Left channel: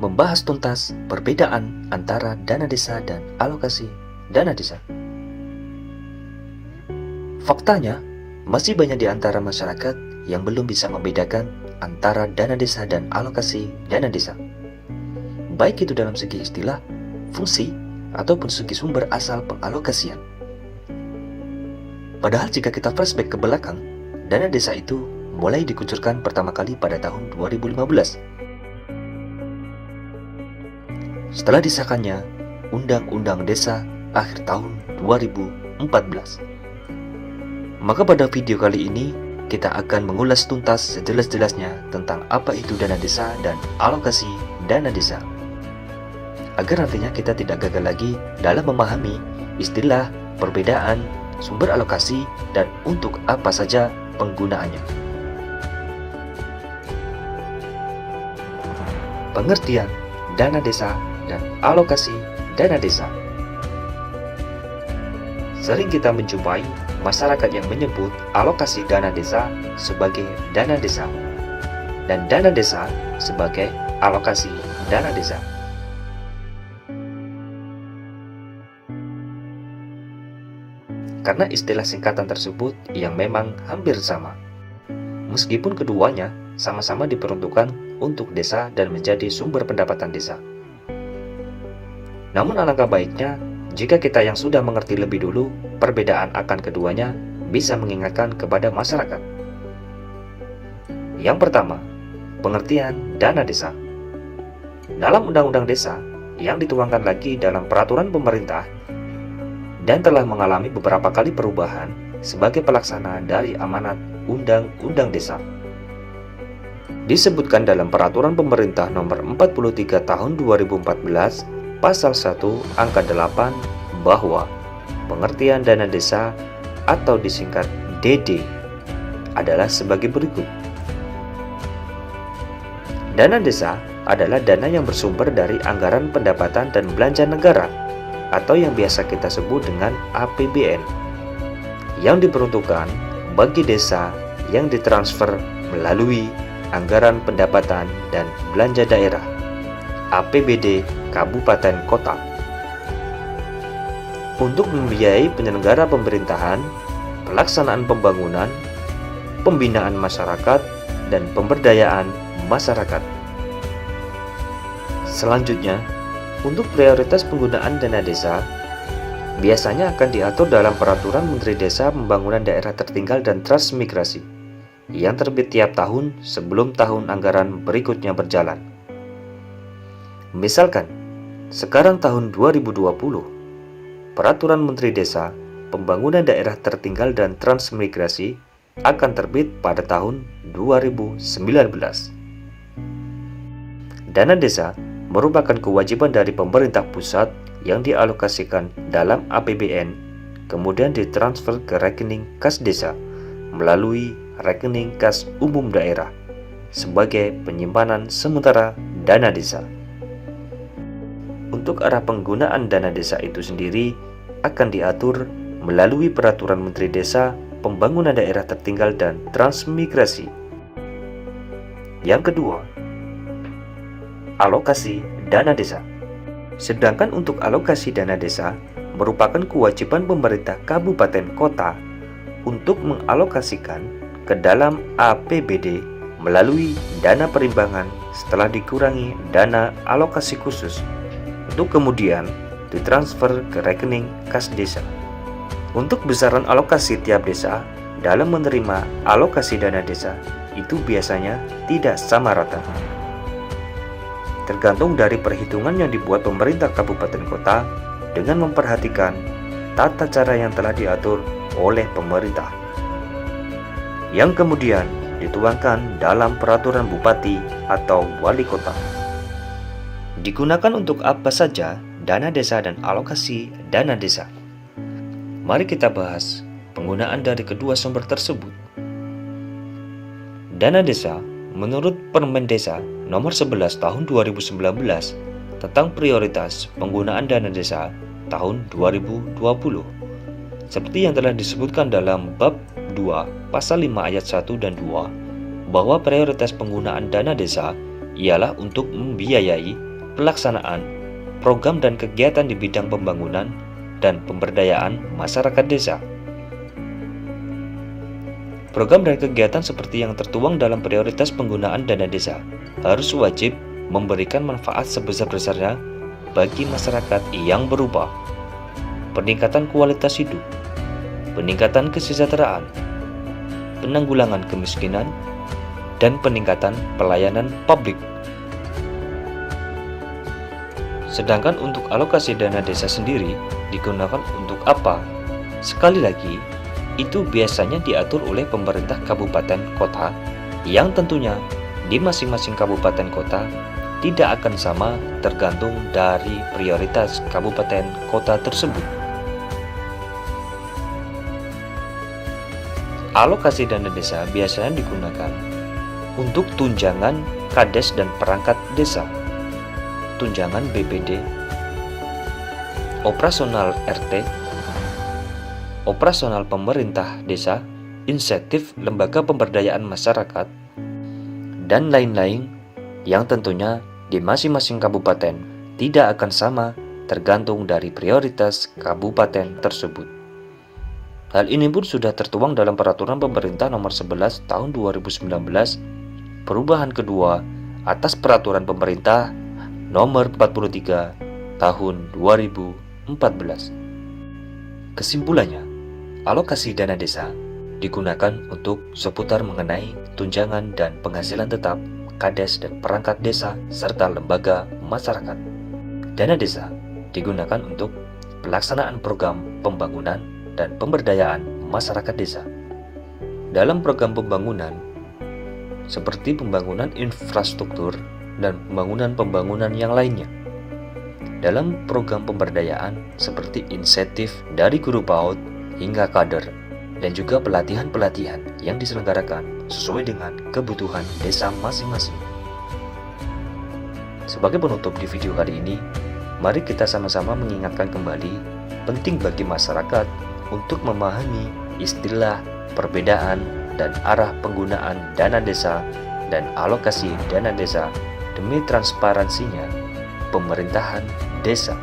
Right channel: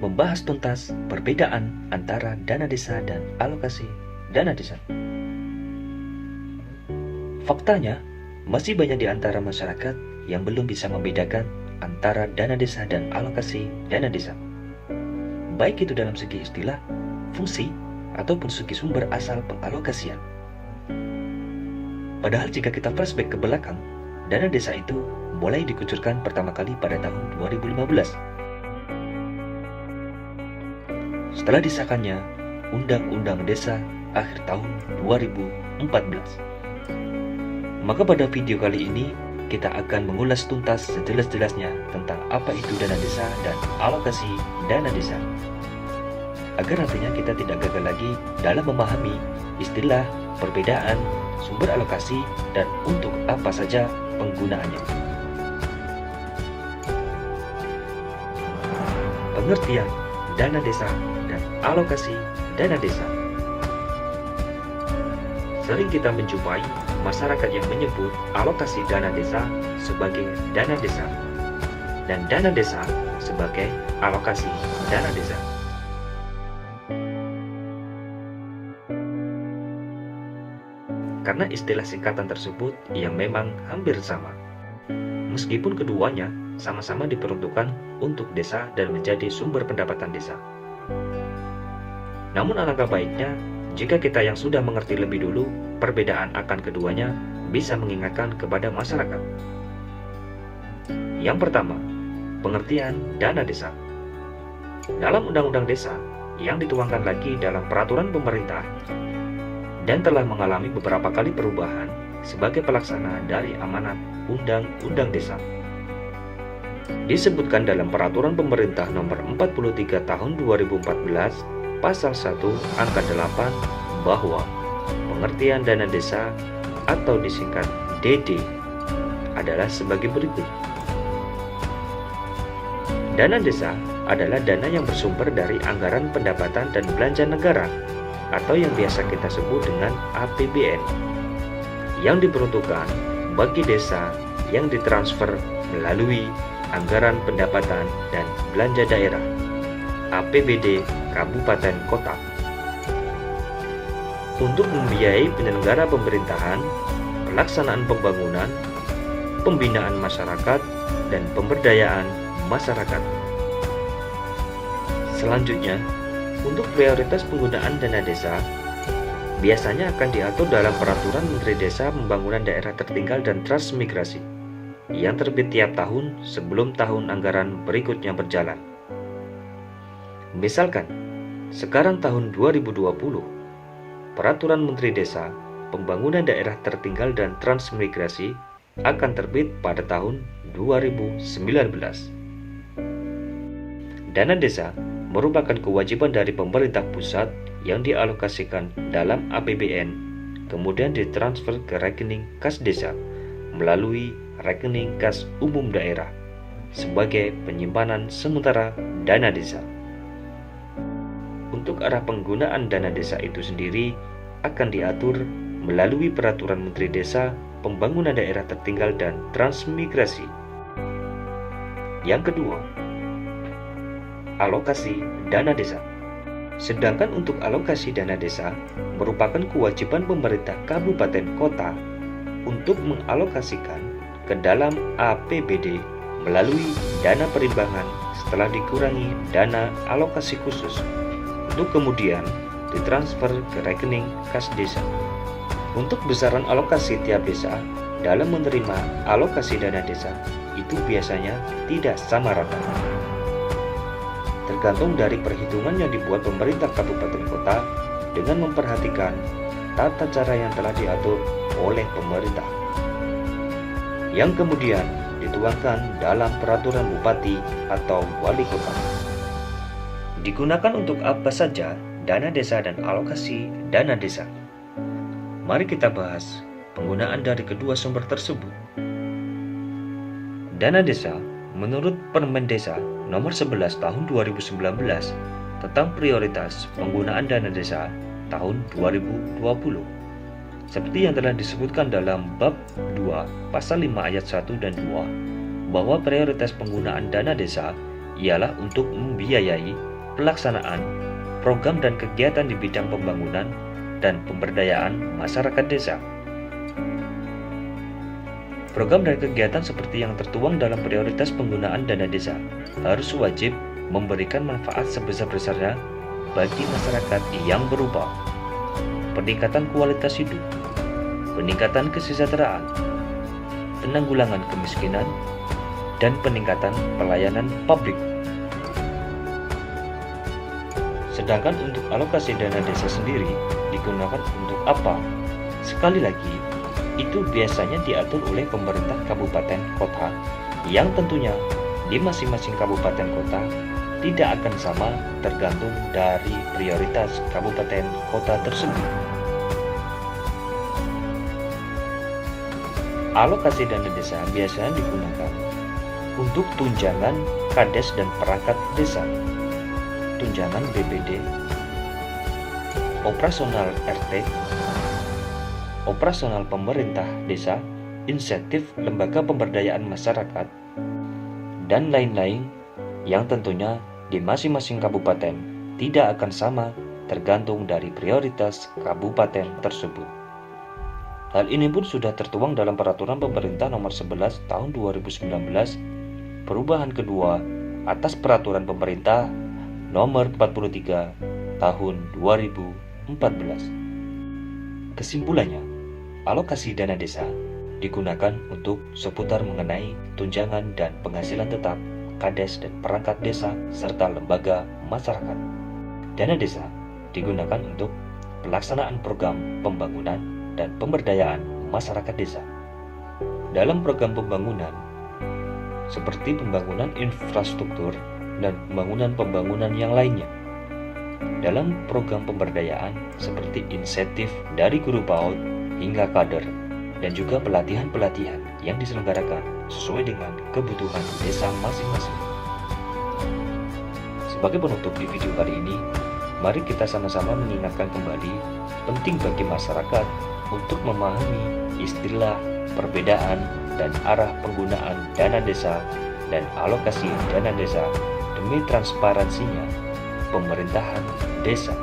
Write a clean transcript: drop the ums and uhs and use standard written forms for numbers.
membahas tuntas perbedaan antara dana desa dan alokasi dana desa. Faktanya, masih banyak di antara masyarakat yang belum bisa membedakan antara dana desa dan alokasi dana desa. Baik itu dalam segi istilah, fungsi, ataupun segi sumber asal pengalokasian. Padahal jika kita flashback ke belakang, dana desa itu mulai dikucurkan pertama kali pada tahun 2015. Setelah disahkannya Undang-Undang Desa akhir tahun 2014. Maka pada video kali ini kita akan mengulas tuntas sejelas-jelasnya tentang apa itu dana desa dan alokasi dana desa. Agar nantinya kita tidak gagal lagi dalam memahami istilah, perbedaan, sumber alokasi, dan untuk apa saja penggunaannya. Pengertian dana desa dan alokasi dana desa. Sering kita menjumpai masyarakat yang menyebut alokasi dana desa sebagai dana desa dan dana desa sebagai alokasi dana desa. Karena istilah singkatan tersebut yang memang hampir sama. Meskipun keduanya sama-sama diperuntukkan untuk desa dan menjadi sumber pendapatan desa. Namun alangkah baiknya jika kita yang sudah mengerti lebih dulu perbedaan akan keduanya bisa mengingatkan kepada masyarakat. Yang pertama, pengertian dana desa. Dalam Undang-Undang Desa yang dituangkan lagi dalam peraturan pemerintah dan telah mengalami beberapa kali perubahan sebagai pelaksana dari amanat Undang-Undang Desa. Disebutkan dalam peraturan pemerintah nomor 43 tahun 2014 pasal 1 angka 8 bahwa pengertian dana desa atau disingkat DD adalah sebagai berikut. Dana desa adalah dana yang bersumber dari anggaran pendapatan dan belanja negara atau yang biasa kita sebut dengan APBN yang diperuntukkan bagi desa yang ditransfer melalui anggaran pendapatan dan belanja daerah APBD kabupaten kota untuk membiayai penyelenggara pemerintahan, pelaksanaan pembangunan, pembinaan masyarakat, dan pemberdayaan masyarakat. Selanjutnya, untuk prioritas penggunaan dana desa, biasanya akan diatur dalam Peraturan Menteri Desa Pembangunan Daerah Tertinggal dan Transmigrasi yang terbit tiap tahun sebelum tahun anggaran berikutnya berjalan. Misalkan, sekarang tahun 2020, Peraturan Menteri Desa Pembangunan Daerah Tertinggal dan Transmigrasi akan terbit pada tahun 2019. Dana desa merupakan kewajiban dari pemerintah pusat yang dialokasikan dalam APBN, kemudian ditransfer ke rekening kas desa melalui rekening kas umum daerah sebagai penyimpanan sementara dana desa. Untuk arah penggunaan dana desa itu sendiri akan diatur melalui Peraturan Menteri Desa Pembangunan Daerah Tertinggal dan Transmigrasi. Yang kedua, alokasi dana desa. Sedangkan untuk alokasi dana desa merupakan kewajiban pemerintah kabupaten kota untuk mengalokasikan ke dalam APBD melalui dana perimbangan setelah dikurangi dana alokasi khusus untuk kemudian ditransfer ke rekening kas desa. Untuk besaran alokasi tiap desa dalam menerima alokasi dana desa itu biasanya tidak sama rata. Tergantung dari perhitungan yang dibuat pemerintah kabupaten kota dengan memperhatikan tata cara yang telah diatur oleh pemerintah, yang kemudian dituangkan dalam peraturan bupati atau wali kota. Digunakan untuk apa saja dana desa dan alokasi dana desa? Mari kita bahas penggunaan dari kedua sumber tersebut. Dana desa menurut Permen Desa nomor 11 tahun 2019 tentang prioritas penggunaan dana desa tahun 2020. Seperti yang telah disebutkan dalam bab 2 pasal 5 ayat 1 dan 2 bahwa prioritas penggunaan dana desa ialah untuk membiayai pelaksanaan program dan kegiatan di bidang pembangunan dan pemberdayaan masyarakat desa. Program dan kegiatan seperti yang tertuang dalam prioritas penggunaan dana desa harus wajib memberikan manfaat sebesar-besarnya bagi masyarakat yang berupa peningkatan kualitas hidup, peningkatan kesejahteraan, penanggulangan kemiskinan, dan peningkatan pelayanan publik. Sedangkan untuk alokasi dana desa sendiri digunakan untuk apa? Sekali lagi, itu biasanya diatur oleh pemerintah kabupaten kota yang tentunya di masing-masing kabupaten kota tidak akan sama tergantung dari prioritas kabupaten kota tersebut. Alokasi dana desa biasanya digunakan untuk tunjangan kades dan perangkat desa, tunjangan BPD, operasional RT, operasional pemerintah desa, insentif lembaga pemberdayaan masyarakat, dan lain-lain yang tentunya di masing-masing kabupaten tidak akan sama tergantung dari prioritas kabupaten tersebut. Hal ini pun sudah tertuang dalam Peraturan Pemerintah Nomor 11 Tahun 2019, perubahan kedua atas Peraturan Pemerintah Nomor 43 Tahun 2014. Kesimpulannya, alokasi dana desa digunakan untuk seputar mengenai tunjangan dan penghasilan tetap kades dan perangkat desa serta lembaga masyarakat. Dana desa digunakan untuk pelaksanaan program pembangunan dan pemberdayaan masyarakat desa. Dalam program pembangunan seperti pembangunan infrastruktur dan pembangunan yang lainnya. Dalam program pemberdayaan seperti insentif dari guru PAUD hingga kader dan juga pelatihan-pelatihan yang diselenggarakan sesuai dengan kebutuhan desa masing-masing. Sebagai penutup di video kali ini, mari kita sama-sama mengingatkan kembali penting bagi masyarakat untuk memahami istilah, perbedaan, dan arah penggunaan dana desa dan alokasi dana desa demi transparansinya pemerintahan desa.